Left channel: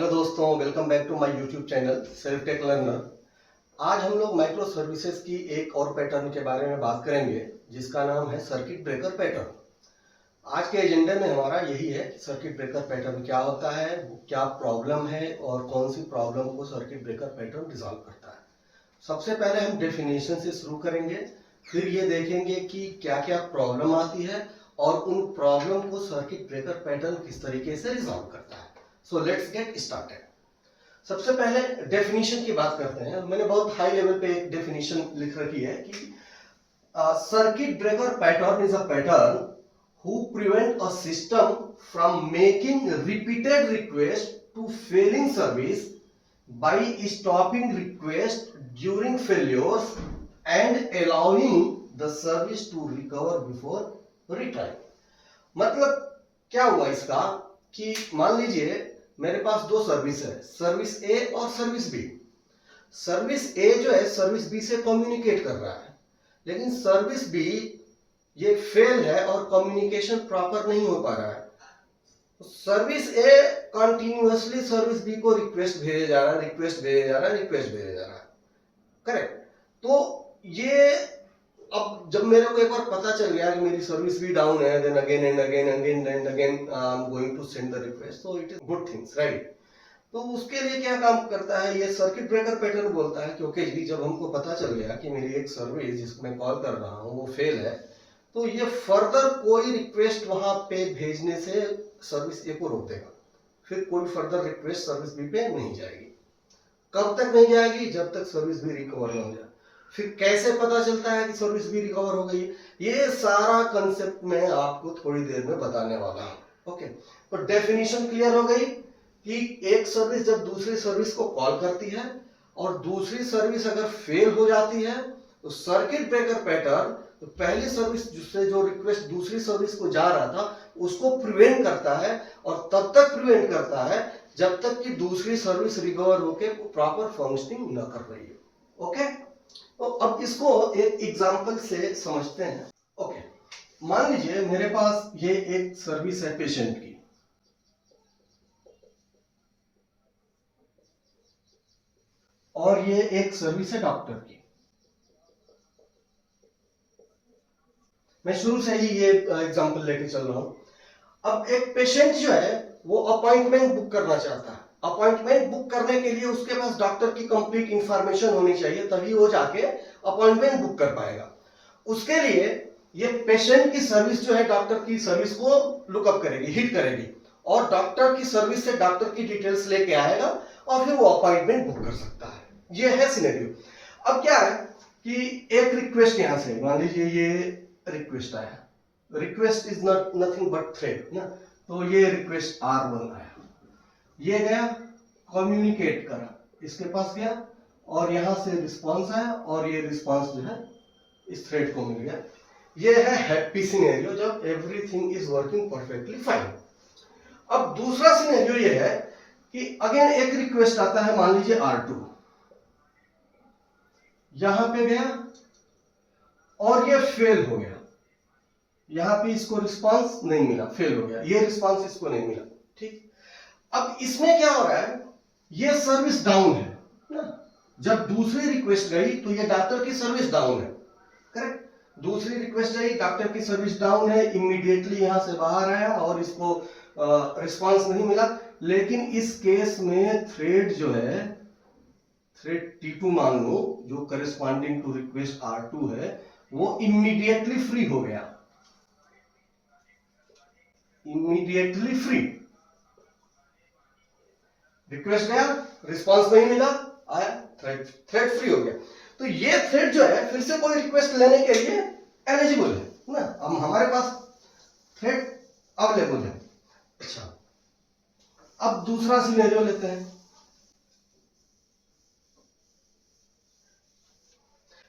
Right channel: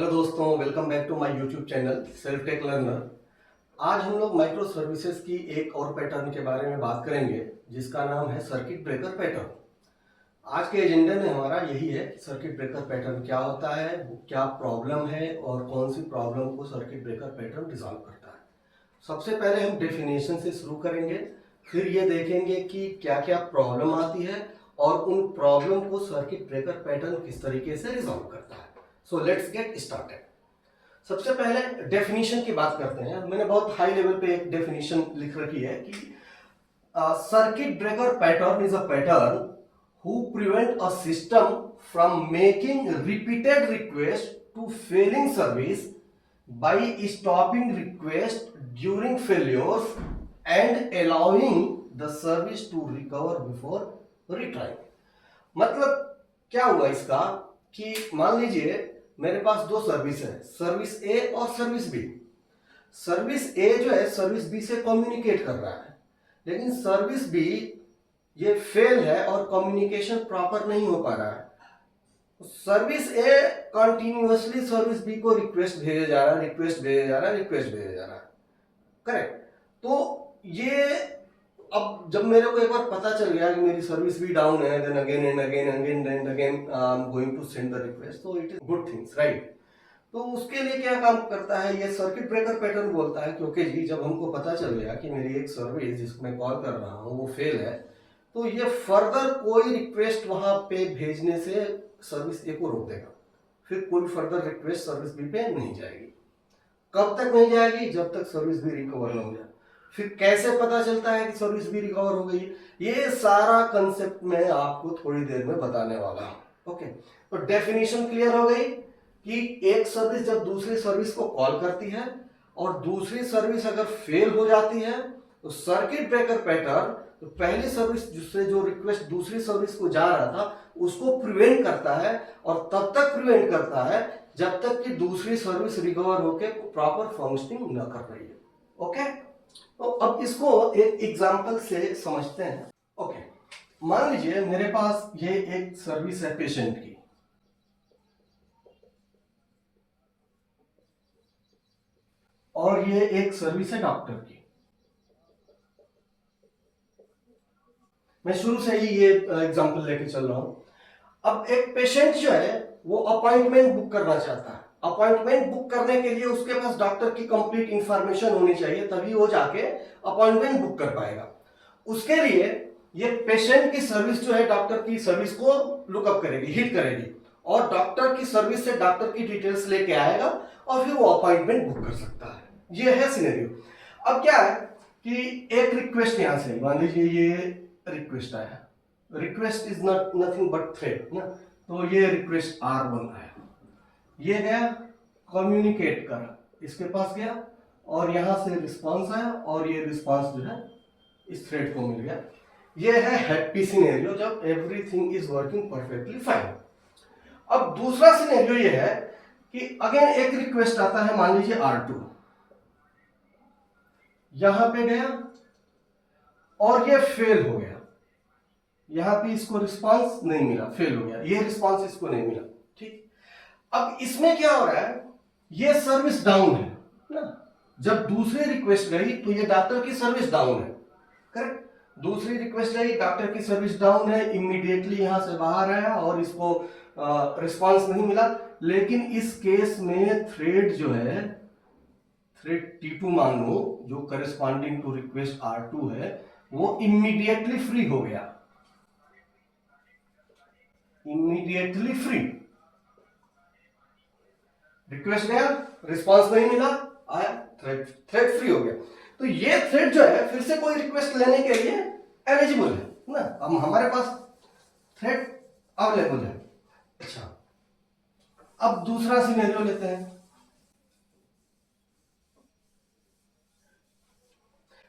Hello दोस्तों, welcome back to my YouTube channel self tech learner. आज हम लोग माइक्रो सर्विसेज की एक और पैटर्न के बारे में बात करेंगे जिसका नाम है सर्किट ब्रेकर पैटर्न। आज के एजेंडे में हमारा यही है कि सर्किट ब्रेकर पैटर्न क्या होता है, क्या प्रॉब्लम है और कौन सी प्रॉब्लम को सर्किट ब्रेकर पैटर्न रिजॉल्व करता है। सबसे पहले हम डेफिनेशन से शुरू करेंगे, फिर ये देखेंगे कि क्या क्या प्रॉब्लम आती है और उन प्रॉब्लम को सर्किट ब्रेकर पैटर्न किस तरीके से रिजॉल्व करता है। So let's get started. सबसे पहले डेफिनेशन की बात करते हैं। मैंने बहुत हाई लेवल पे एक डेफिनेशन लिख रखी है कि circuit breaker pattern is a pattern who prevent a system from making repeated request to failing service by stopping request during failures and allowing the service to recover before retrying। मतलब क्या हुआ इसका कि मान लीजिए मेरे पास दो सर्विस है, सर्विस ए और सर्विस बी। सर्विस ए जो है सर्विस बी से कम्युनिकेट कर रहा है, लेकिन सर्विस बी ये फेल है और कम्युनिकेशन प्रॉपर नहीं हो पा रहा है। सर्विस ए कंटिन्यूअसली सर्विस बी को रिक्वेस्ट भेजे जा रहा है, रिक्वेस्ट भेजे जा रहा है, रिक्वेस्ट भेजे जा रहा है। करेक्ट। तो ये अब जब मेरे को एक बार पता चल गया कि मेरी सर्विस भी डाउन है, then again and again and again I am going to send the request, तो it is good things, right. तो उसके लिए क्या काम करता है ये सर्किट ब्रेकर पैटर्न, बोलता है कि ओके जी, जब हमको पता चल गया कि मेरी एक सर्विस जिसको मैं कॉल कर रहा हूँ वो फेल है, तो ये फर्दर कोई रिक्वेस्ट वहां पे भेजने से सर्विस ए को रोक देगा। फिर कोई फर्दर रिक्वेस्ट सर्विस बी पे नहीं जाएगी। कब तक नहीं जाएगी? जब तक सर्विस बी रिकवर नहीं हो जाए। फिर कैसे पता चलता है कि सर्विस बी रिकवर हो गई? ये सारा कंसेप्ट मैं आपको थोड़ी देर में बताने वाला हूं। ओके, तो डेफिनेशन क्लियर हो गई कि एक सर्विस जब दूसरी सर्विस को कॉल करती है और दूसरी सर्विस अगर फेल हो जाती है तो सर्किट ब्रेकर पैटर्न तो पहले सर्विस से जो रिक्वेस्ट दूसरी सर्विस को जा रहा था उसको प्रिवेंट करता है, और तब तक प्रिवेंट करता है जब तक कि दूसरी सर्विस रिकवर होकर प्रॉपर फंक्शनिंग न कर रही है। ओके, तो अब इसको एक एग्जांपल से समझते हैं। ओके, मान लीजिए मेरे पास ये एक सर्विस है पेशेंट की, और ये एक सर्विस है डॉक्टर की। मैं शुरू से ही ये एग्जांपल लेके चल रहा हूं। अब एक पेशेंट जो है वो अपॉइंटमेंट बुक करना चाहता है। अपॉइंटमेंट बुक करने के लिए उसके पास डॉक्टर की कंप्लीट इंफॉर्मेशन होनी चाहिए, तभी वो जाके अपॉइंटमेंट बुक कर पाएगा। उसके लिए ये पेशेंट की सर्विस जो है डॉक्टर की सर्विस को लुकअप करेगी, हिट करेगी, और डॉक्टर की सर्विस से डॉक्टर की डिटेल्स लेके आएगा और फिर वो अपॉइंटमेंट बुक कर सकता है। ये है सिनेरियो। अब क्या है कि एक रिक्वेस्ट यहां से, मान लीजिए ये रिक्वेस्ट आया, request is not nothing but thread ना, तो ये रिक्वेस्ट R1 आया, ये गया कम्युनिकेट कर, इसके पास गया और यहां से रिस्पांस आया और ये रिस्पांस जो है इस थ्रेड को मिल गया। ये है हैप्पी सिनेरियो जब everything is working perfectly fine. अब दूसरा सिनेरियो ये है कि अगेन एक रिक्वेस्ट आता है, मान लीजिए R2, यहां पे गया और ये फेल हो गया, यहां पे इसको रिस्पांस नहीं मिला, फेल हो गया, ये रिस्पांस इसको नहीं मिला। ठीक, अब इसमें क्या हो रहा है, ये सर्विस डाउन है ना। जब दूसरी रिक्वेस्ट गई तो ये डॉक्टर की सर्विस डाउन है, करेक्ट। दूसरी रिक्वेस्ट गई, डॉक्टर की सर्विस डाउन है, इमीडिएटली यहां से बाहर है और इसको रिस्पांस नहीं मिला। लेकिन इस केस में थ्रेड जो है, थ्रेड T2 मान लो, जो करेस्पॉन्डिंग टू रिक्वेस्ट R2 है, वो इमीडिएटली फ्री हो गया, इमीडिएटली फ्री। रिक्वेस्ट गया, रिस्पांस नहीं मिला, आया थ्रेड फ्री हो गया। तो ये थ्रेड जो है फिर से कोई रिक्वेस्ट लेने के लिए एलिजिबल है ना। अब हमारे पास थ्रेड अवेलेबल है। अच्छा, अब दूसरा सिनेरियो लेते हैं।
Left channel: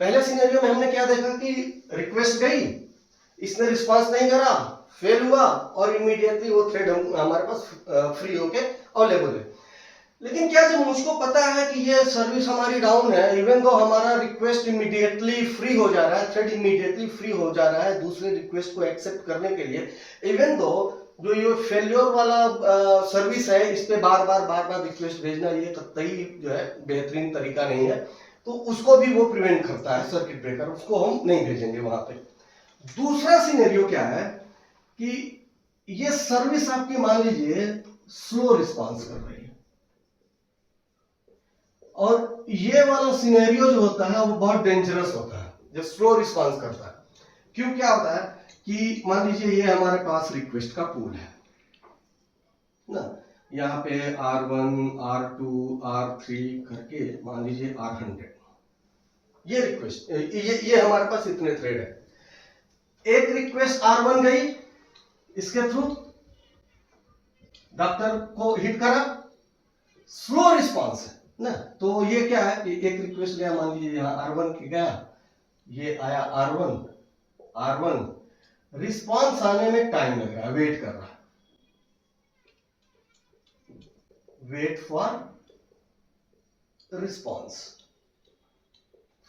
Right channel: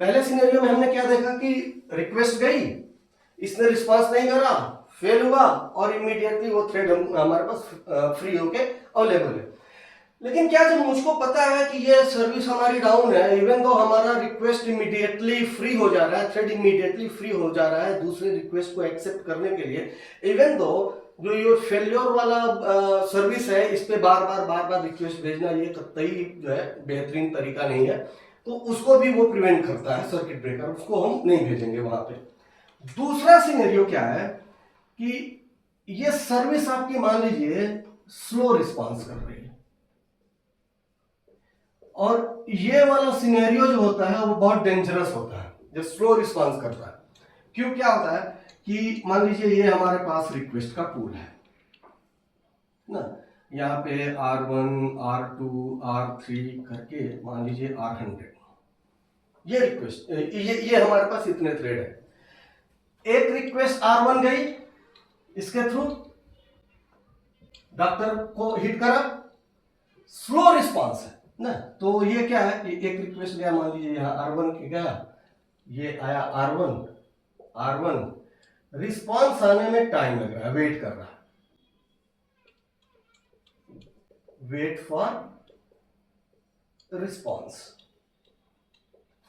पहले सिनेरियो में हमने क्या देखा कि रिक्वेस्ट गई, इसने रिस्पांस नहीं करा, फेल हुआ और इमीडिएटली वो थ्रेड हमारे पास फ्री होके अवेलेबल है। लेकिन क्या जब मुझको पता है कि ये सर्विस हमारी डाउन है, इवन तो हमारा रिक्वेस्ट इमीडिएटली फ्री हो जा रहा है, थ्रेड इमीडिएटली फ्री हो जा रहा है दूसरे रिक्वेस्ट को एक्सेप्ट करने के लिए, इवन तो जो ये फेलियर वाला सर्विस है इस पे बार बार रिक्वेस्ट भेजना ये कतई जो है बेहतरीन तरीका नहीं है, तो उसको भी वो प्रिवेंट करता है सर्किट ब्रेकर, उसको हम नहीं भेजेंगे वहां पे। दूसरा सिनेरियो क्या है कि ये सर्विस आपकी मान लीजिए स्लो रिस्पॉन्स कर रही है, और ये वाला सिनेरियो जो होता है वो बहुत डेंजरस होता है जो स्लो रिस्पॉन्स करता है। क्यों, क्या होता है कि मान लीजिए ये हमारे पास रिक्वेस्ट का पूल है ना, यहाँ पे R1 R2 R3 करके मान लीजिए R100 ये रिक्वेस्ट, ये हमारे पास इतने थ्रेड है। एक रिक्वेस्ट R1 गई, इसके थ्रू डॉक्टर को हिट करा, स्लो रिस्पॉन्स है ना, तो ये क्या है कि एक रिक्वेस्ट गया, मान लीजिए यहाँ R1 की गया, ये आया R1 रिस्पॉन्स आने में टाइम लग रहा है, वेट कर रहा है, wait for response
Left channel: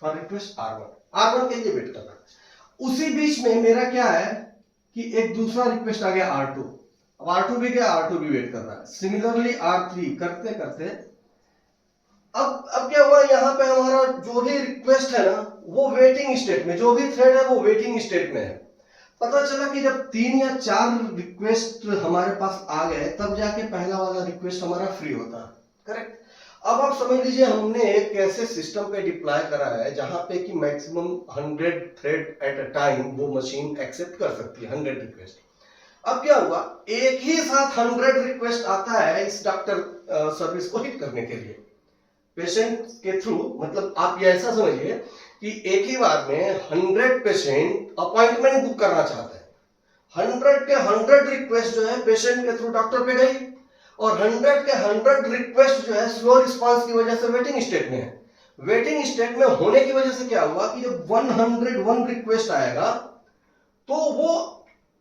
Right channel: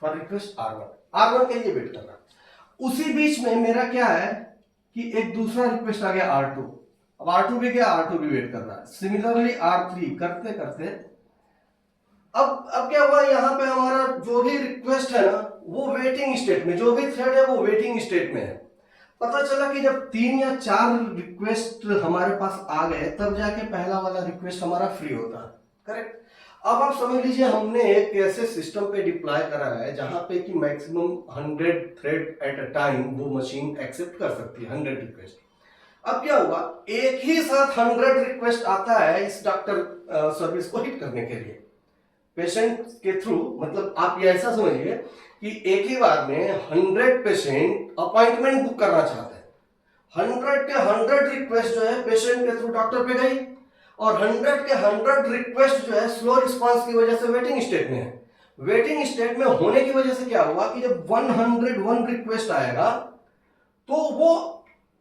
for request R1 के लिए वेट कर रहा है। उसी बीच में मेरा क्या है कि एक दूसरा रिक्वेस्ट आ गया R2, अब R2 भी गया, R2 भी वेट कर रहा है, सिमिलरली R3 करते करते अब क्या हुआ, यहाँ पे हमारा जो भी रिक्वेस्ट है ना वो वेटिंग स्टेट में, जो भी थ्रेड है वो वेटिंग स्टेट में है। पता चला कि जब 3 या 4 रिक्वेस्ट हमारे पास आ गए तब जाके पहला वाला रिक्वेस्ट हमारा फ्री होता है, करेक्ट। अब आप समझ लीजिए हमने एक ऐसे सिस्टम पे डिप्लॉय करा है जहां पे कि maximum 100 thread at a time वो मशीन एक्सेप्ट कर सकती है, 100 रिक्वेस्ट। अब क्या हुआ, एक ही साथ 100 रिक्वेस्ट आता है इस डॉक्टर सर्विस को हिट करने के लिए पेशेंट के थ्रू, मतलब आप ये ऐसा समझिए कि एक ही बार में 100 पेशेंट अपॉइंटमेंट बुक करना चाहते हैं, 100 के 100 रिक्वेस्ट जो है पेशेंट के थ्रू डॉक्टर पे गई, और 100 के 100 रिक्वेस्ट जो है स्लो रिस्पांस की वजह से वेटिंग स्टेट में है। वेटिंग स्टेट में होने की वजह से क्या हुआ कि जब 101 रिक्वेस्ट आएगा तो वो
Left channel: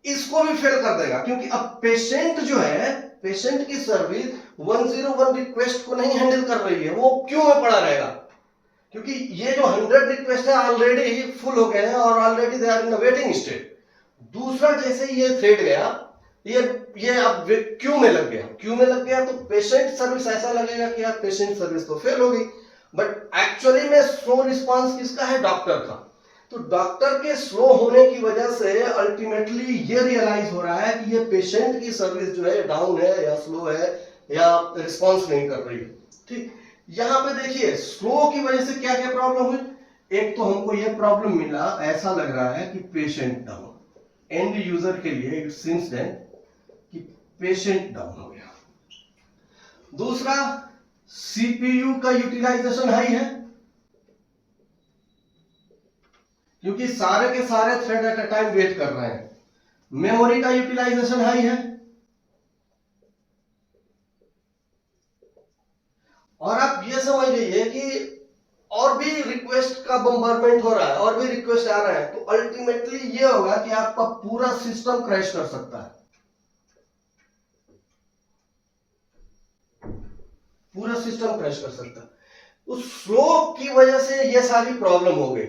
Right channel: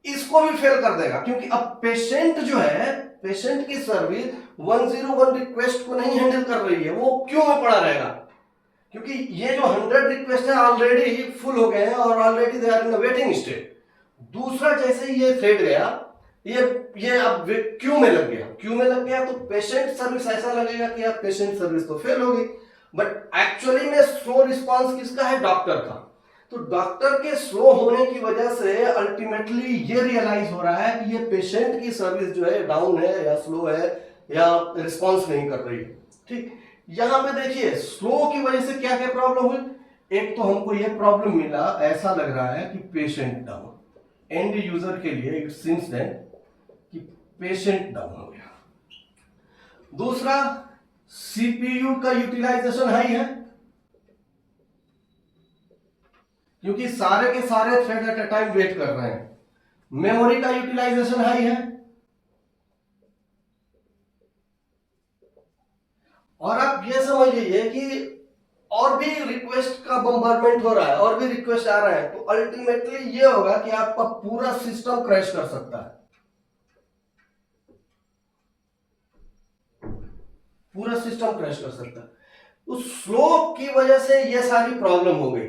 इसको भी फेल कर देगा, क्योंकि अब पेशेंट जो है, पेशेंट की सर्विस 101 रिक्वेस्ट को नहीं हैंडल कर रही है, वो क्यों में पड़ा रहेगा, क्योंकि ये जो 100 रिक्वेस्ट है ऑलरेडी फुल हो गए हैं और already they are in waiting state. दूसरा जैसे ही ये थ्रेड गया, ये अब क्यू में लग गया, क्यू में लग गया तो पेशेंट सर्विस ऐसा लगेगा कि अब पेशेंट सर्विस तो फेल होगी, बट एक्चुअली में स्लो रिस्पांस किसका है, डॉक्टर का। तो डॉक्टर के स्लो होने की वजह से अल्टीमेटली ये रियलाइज हो रहा है कि ये पेशेंट की सर्विस जो है डाउन है या स्लो है या रिस्पांस नहीं कर रही, ठीक। यहां पे देखिए स्लो की वजह से क्या क्या प्रॉब्लम हुई, एक तो हमको ये प्रॉब्लम मिला, ऐसा लग रहा है कि पेशेंट डाउन, एंड यूजर के लिए इट सीम्स देन कि पेशेंट डाउन हो गया। दूसरा, सीपीयू का यूटिलाइजेशन हाई है, क्योंकि सारे के सारे thread at a time wait कर रहे हैं। मेमोरी का यूटिलाइजेशन हाई है, और आप ये समझ लीजिए कि और भी रिक्वेस्ट का बम्बारमेंट हो रहा है, और भी रिक्वेस्ट आ रहे हैं, तो अल्टीमेटली ये होगा कि आपका पूरा सिस्टम क्रैश कर सकता है, पूरा सिस्टम क्रैश कर सकता है। तो स्लो की वजह से ये सारी प्रॉब्लम हो गई,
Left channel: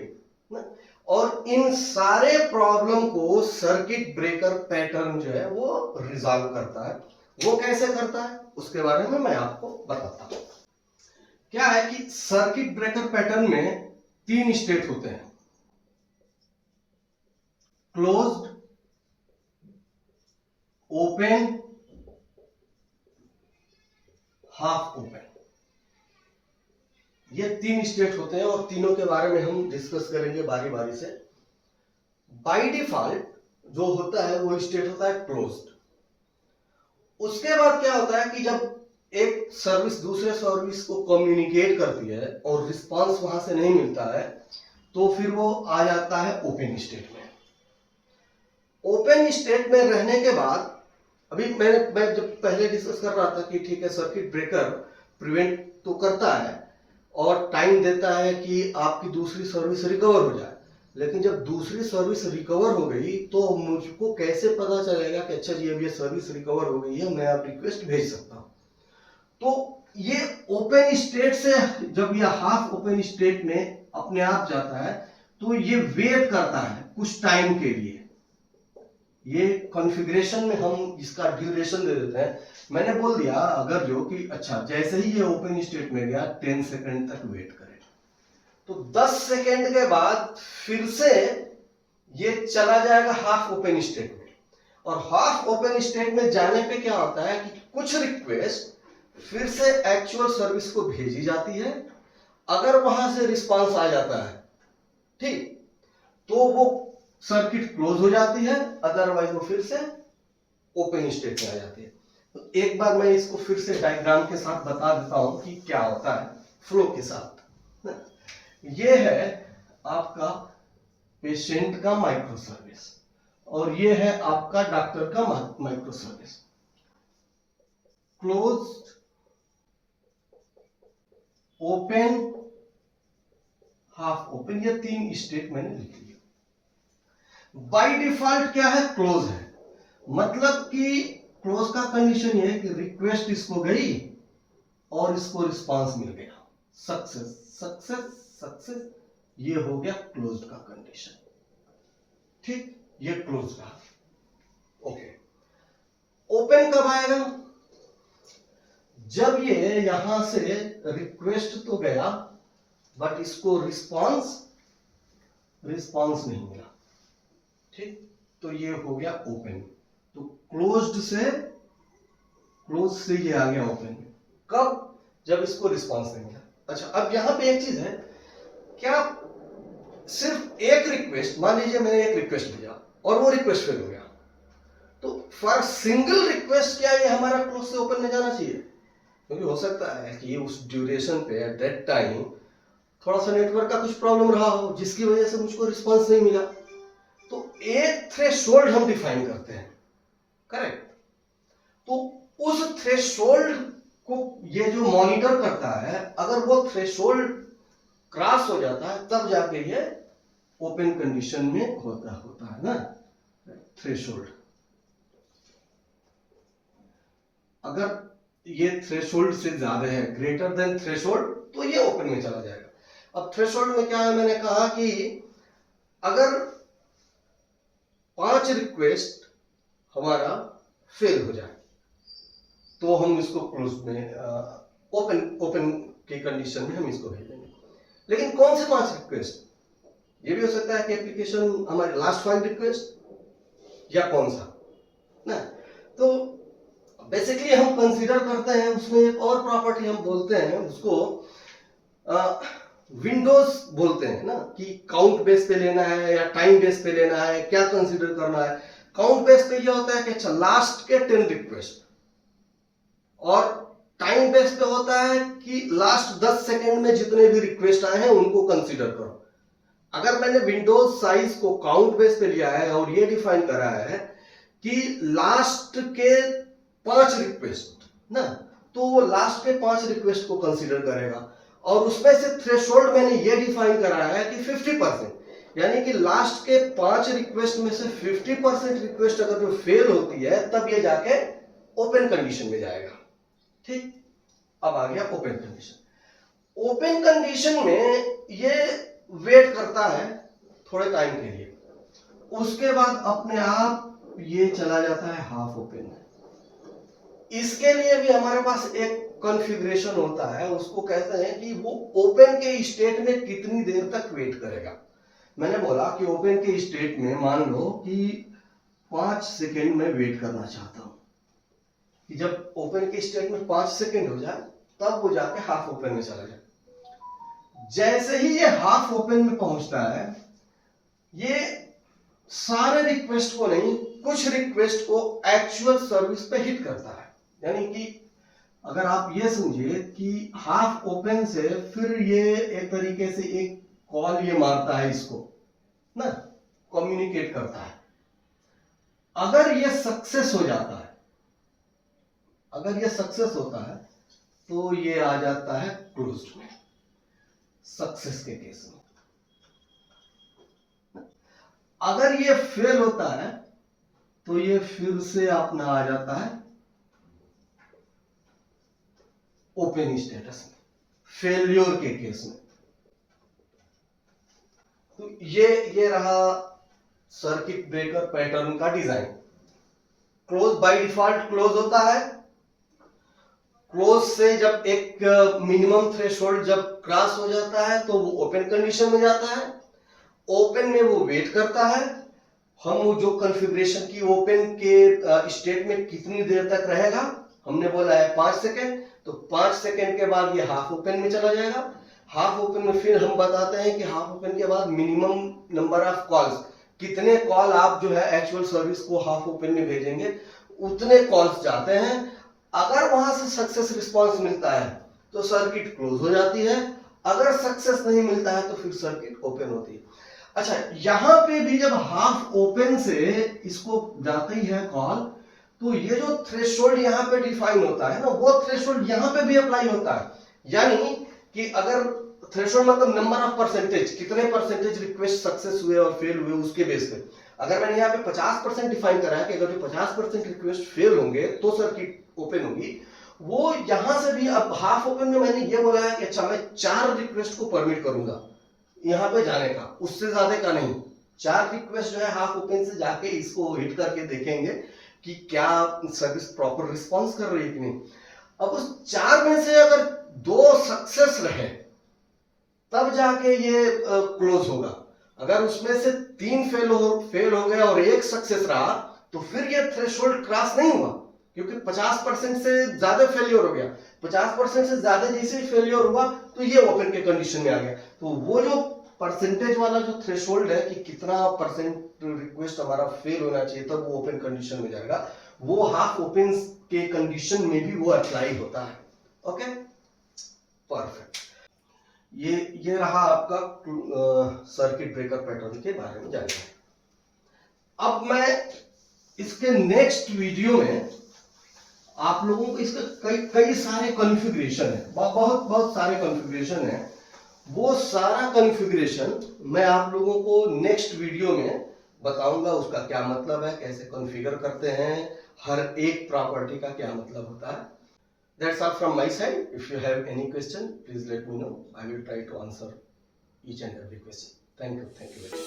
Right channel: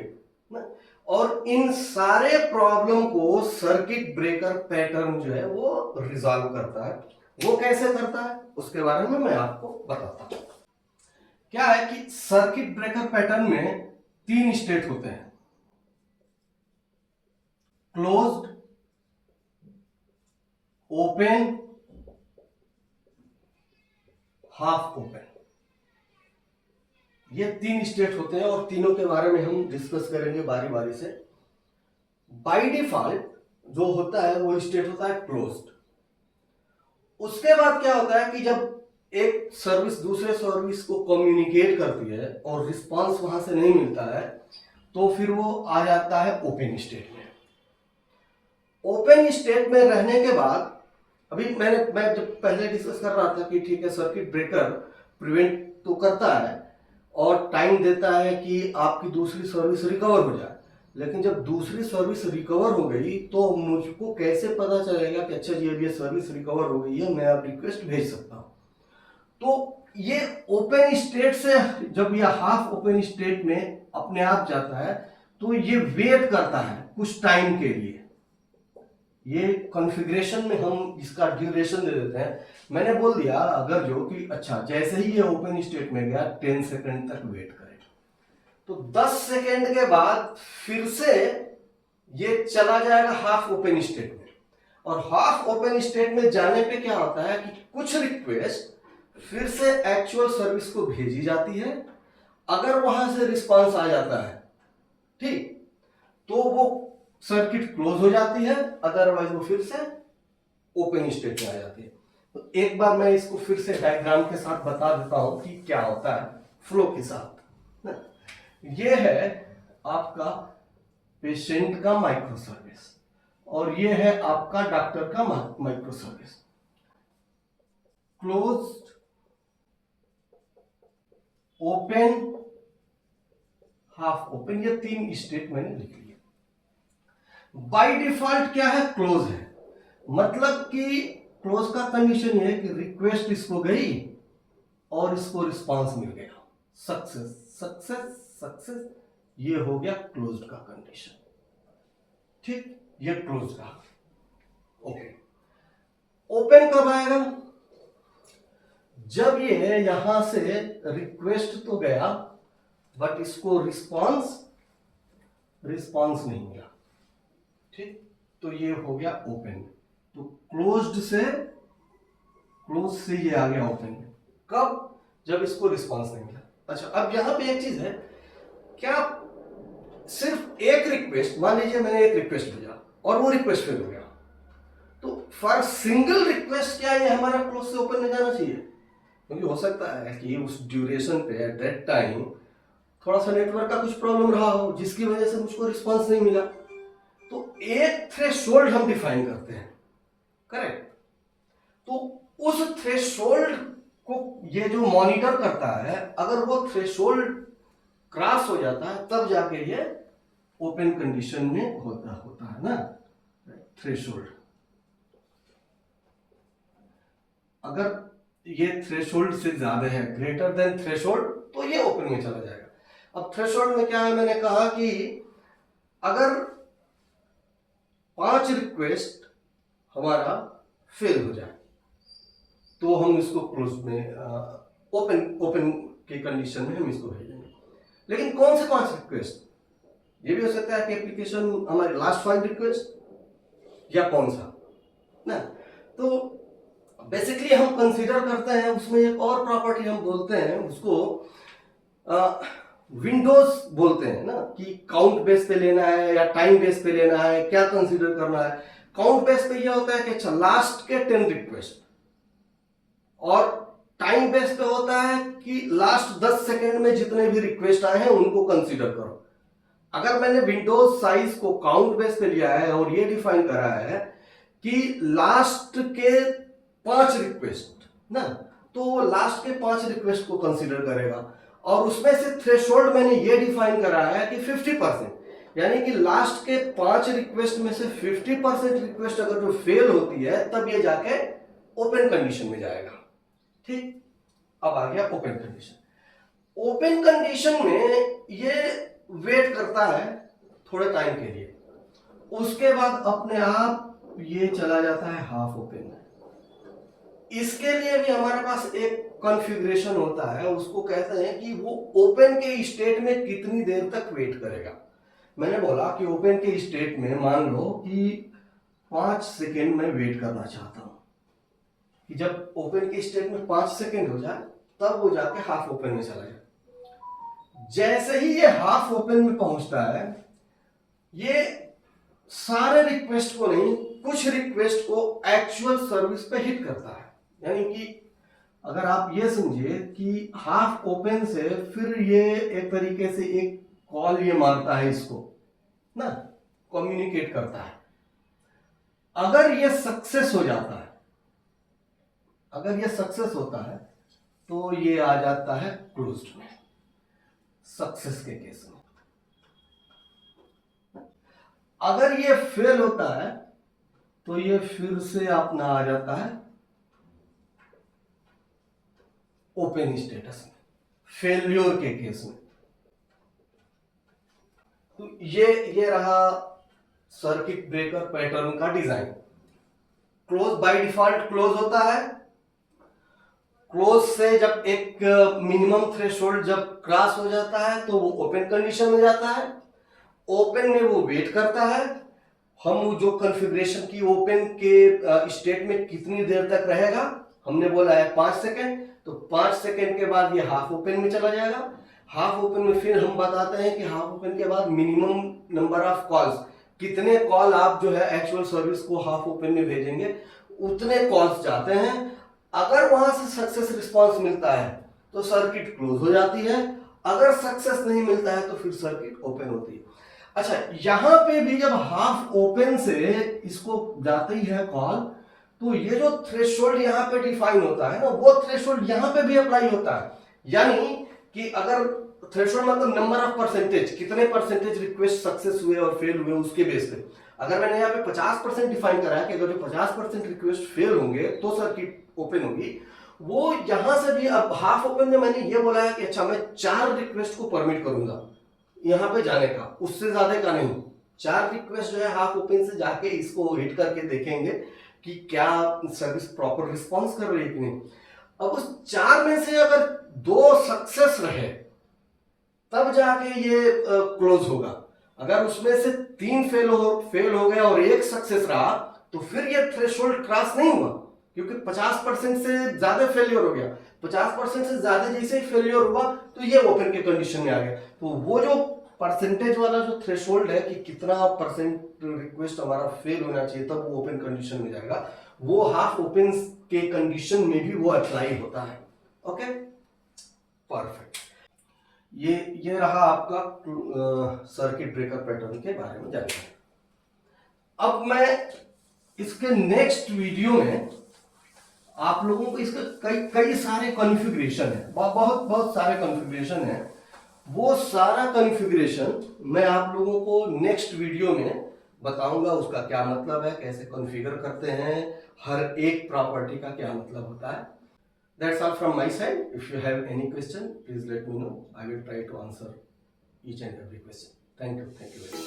और इन सारे प्रॉब्लम को सर्किट ब्रेकर पैटर्न जो है वो रिजॉल्व करता है। वो कैसे करता है उसके बारे में मैं आपको बताता हूं। क्या है कि सर्किट ब्रेकर पैटर्न में 3 स्टेट होते हैं, क्लोज्ड, ओपन, हाफ ओपन, ये 3 स्टेट होते हैं, और तीनों के बारे में हम डिस्कस करेंगे बारी बारी से। बाय डिफॉल्ट जो होता है वो स्टेट होता है क्लोज्ड। उसके बाद क्या होता है कि जब एक सर्विस दूसरे सर्विस को कम्युनिकेट करती है और रिस्पांस वहां से नहीं मिलता है, तो फिर वो आ जाता है ओपन स्टेट में। ओपन स्टेट में रहने के बाद, अभी मैं जब पहले डिस्कस कर रहा था कि ठीक है सर्किट ब्रेकर प्रिवेंट तो करता है और टाइम देता है कि आपकी दूसरी सर्विस रिकवर हो जाए, लेकिन जब दूसरी सर्विस रिकवर हो गई तो मुझको कैसे पता चलेगा कि अच्छा जी अब ये सर्विस रिकवर हो गई है, मैं अब रिक्वेस्ट भेज सकता हूं। तो ये ओपन स्टेट से जब ये हाफ ओपन स्टेट में अपने आप जाता है तो ये वेट करता है कुछ टाइम के लिए। ये कॉन्फ़िगरेशन में हम इसका ड्यूरेशन दे देते हैं। मैंने बोल दिया अगर जो कि अच्छा जैसे ही ये ओपन स्टेट में गया 10 सेकंड तक वेट करेगा, तो 10 सेकंड के बाद फिर से ये चला जाएगा हाफ ओपन स्टेट में। और हाफ ओपन स्टेट में जाने पे क्या होता है कि कुछ रिक्वेस्ट फिर से एक्चुअल सर्विस को भेजी जाती है। अगर वहां से रिस्पांस आ जाता है ठीक, तो वो सर्किट क्लोज हो जाती है, अदरवाइज वो फिर से ओपन स्टेट में आ जाती है। तो एक बार मैं इसको फिर से डायग्राम के साथ बता देता हूं कि क्या होता है फ्लो के साथ। ये है आपका पेशेंट का माइक्रो सर्विस और ये है आपका डॉक्टर का micro service. Close, open, half open, ये 3 स्टेट मैंने लिख लिया। बाय डिफॉल्ट क्या है, क्लोज है। मतलब कि क्लोज का कंडीशन ये है कि रिक्वेस्ट इसको गई और इसको रिस्पांस मिल गया, सक्सेस सक्सेस सक्सेस, ये हो गया क्लोज्ड का कंडीशन। ठीक, ये क्लोज का। ओके, ओपन कब आएगा, जब ये यहां से रिक्वेस्ट तो गया बट इसको रिस्पांस नहीं मिला। ठीक, तो ये हो गया ओपन। तो क्लोज से ये आ गया ओपन में। कब, जब इसको रिस्पांस नहीं मिला। अच्छा, अब यहां पे एक चीज है, क्या सिर्फ एक रिक्वेस्ट, मान लीजिए मैंने एक रिक्वेस्ट भेजा और वो रिक्वेस्ट फेल हो गया, तो फॉर सिंगल रिक्वेस्ट क्या ये हमारा क्लोज से ओपन में जाना चाहिए? क्योंकि हो सकता है कि उस ड्यूरेशन पे एट दैट टाइम थोड़ा सा नेटवर्क का कुछ प्रॉब्लम रहा हो जिसकी वजह से मुझको रिस्पांस नहीं मिला। तो एक थ्रेशोल्ड हम डिफाइन करते हैं, करेक्ट? तो उस थ्रेशोल्ड को ये जो मॉनिटर करता है, अगर वो थ्रेशोल्ड क्रॉस हो जाता है तब जाके ये ओपन कंडीशन में होता है ना थ्रेशोल्ड। अगर ये थ्रेशोल्ड से ज्यादा है, ग्रेटर देन थ्रेशोल्ड, तो ये ओपन में चला जाएगा। अब थ्रेशोल्ड में क्या है, मैंने कहा कि अगर 5 रिक्वेस्ट हमारा फेल हो जाए तो हम इसको क्लोज में ओपन की कंडीशन में हम इसको भेजेंगे। लेकिन कौन से 5 रिक्वेस्ट, ये भी हो सकता है कि एप्लीकेशन हमारे लास्ट 5 रिक्वेस्ट या कौन सा ना। तो बेसिकली हम कंसीडर करते हैं, उसमें एक और प्रॉपर्टी हम बोलते हैं उसको विंडोज बोलते हैं ना, कि काउंट बेस पे लेना है या टाइम बेस पे लेना है, क्या कंसीडर करना है। काउंट बेस पे यह होता है कि अच्छा लास्ट के 10 रिक्वेस्ट, और टाइम बेस पे होता है कि लास्ट 10 सेकंड में जितने भी रिक्वेस्ट आए हैं उनको कंसीडर करो। अगर मैंने विंडोज साइज को काउंट बेस पे लिया है और ये डिफाइन करा है कि लास्ट के 5 रिक्वेस्ट ना, तो वो लास्ट के 5 रिक्वेस्ट को कंसीडर करेगा। और उसमें से थ्रेशोल्ड मैंने ये डिफाइन करा है कि 50%, यानी कि लास्ट के 5 रिक्वेस्ट में से 50% रिक्वेस्ट अगर जो फेल होती है तब ये जाके ओपन कंडीशन में जाएगा। ठीक, अब आ गया ओपन कंडीशन। ओपन कंडीशन में ये वेट करता है थोड़े टाइम के लिए, उसके बाद अपने आप ये चला जाता है हाफ ओपन में। इसके लिए भी हमारे पास एक कॉन्फ़िगरेशन होता है, उसको कहते हैं कि वो ओपन के स्टेट में कितनी देर तक वेट करेगा। मैंने बोला कि ओपन के स्टेट में मान लो कि 5 सेकेंड में वेट करना चाहता हूं, कि जब ओपन के स्टेट में 5 सेकेंड हो जाए तब वो जाके हाफ ओपन में चला जाए। जैसे ही ये हाफ ओपन में पहुंचता है, ये सारे रिक्वेस्ट को नहीं, कुछ रिक्वेस्ट को एक्चुअल सर्विस पे हिट करता है। यानी कि अगर आप ये समझिए कि हाफ ओपन से फिर ये एक तरीके से एक कॉल ये मारता है इसको ना, कम्युनिकेट करता है। अगर ये सक्सेस हो जाता है, अगर ये सक्सेस होता है तो ये आ जाता है क्लोज्ड में, सक्सेस के केस में। अगर ये फेल होता है तो ये फिर से अपना आ जाता है ओपन स्टेटस में, फेल्योर के केस में। तो ये रहा सर्किट ब्रेकर पैटर्न का design. Close by default close होता है। क्लोज से जब एक मिनिमम थ्रेशोल्ड जब क्रॉस हो जाता है तो वो ओपन कंडीशन में जाता है। ओपन में वो वेट करता है। हम वो जो कॉन्फ़िगरेशन की ओपन के स्टेट में कितनी देर तक रहेगा, हमने बोला है 5 सेकेंड, तो 5 सेकेंड के बाद ये हाफ ओपन में चला जाएगा। हाफ ओपन में फिर हम बताते हैं कि हाफ ओपन के बाद मिनिमम नंबर ऑफ कॉल्स, कितने कॉल आप जो है एक्चुअल सर्विस को हाफ ओपन में भेजेंगे, उतने कॉल्स जाते हैं। अगर वहां से सक्सेस रिस्पांस मिलता है तो सर्किट क्लोज हो जाती है, अगर सक्सेस नहीं मिलता है तो फिर सर्किट ओपन होती है। अच्छा, यहां पे भी जब हाफ ओपन से इसको जाते ही है कॉल, तो ये जो थ्रेशोल्ड यहां पे डिफाइन होता है ना, वो थ्रेशोल्ड यहां पे भी अप्लाई होता है। यानी कि अगर थ्रेशोल्ड मतलब नंबर ऑफ परसेंटेज, कितने परसेंटेज रिक्वेस्ट सक्सेस हुए और फेल हुए उसके बेस पे, अगर मैंने यहाँ पे 50% डिफाइन करा है कि अगर जो 50% रिक्वेस्ट फेल होंगे तो सर्किट ओपन होगी, वो यहां से भी अब हाफ ओपन में मैंने ये बोला है कि अच्छा मैं 4 रिक्वेस्ट को परमिट करूंगा यहां पे जाने का, उससे ज्यादा का नहीं। 4 रिक्वेस्ट जो है हाफ ओपन से जाके इसको हिट करके देखेंगे कि क्या सर्विस प्रॉपर रिस्पॉन्स कर रही है कि नहीं। अब उस 4 में से अगर 2 सक्सेस रहे तब जाके ये क्लोज होगा। अगर उसमें से 3 फेल हो गए और 1 सक्सेस रहा तो फिर ये थ्रेशोल्ड क्रॉस नहीं हुआ, क्योंकि 50% से ज्यादा फेलियर हो गया। 50% से ज्यादा जैसे ही फेलियर हुआ तो ये ओपन के कंडीशन में आ गया। तो वो जो परसेंटेज वाला जो थ्रेशोल्ड है कि कितना परसेंट रिक्वेस्ट हमारा फेल होना चाहिए तब वो ओपन कंडीशन में जाएगा, वो हाफ ओपन के कंडीशन में भी वो अप्लाई होता है। Okay, perfect. ये रहा आपका सर्किट ब्रेकर पैटर्न के बारे में जानकारी। अब मैं इसके नेक्स्ट वीडियो में आप लोगों को इसके कई सारे कॉन्फ़िगरेशन है, बहुत सारे कॉन्फ़िगरेशन है। वो सारा कॉन्फ़िगरेशन मैं आप लोगों को नेक्स्ट वीडियो में बताऊंगा, उसका क्या मतलब है, कैसे कॉन्फ़िगर करते हैं, हर एक प्रॉपर्टी का क्या मतलब होता है। That's all from my side. If you have any question, please let me know. I will try to answer each and every question. Thank you. Thank you very much.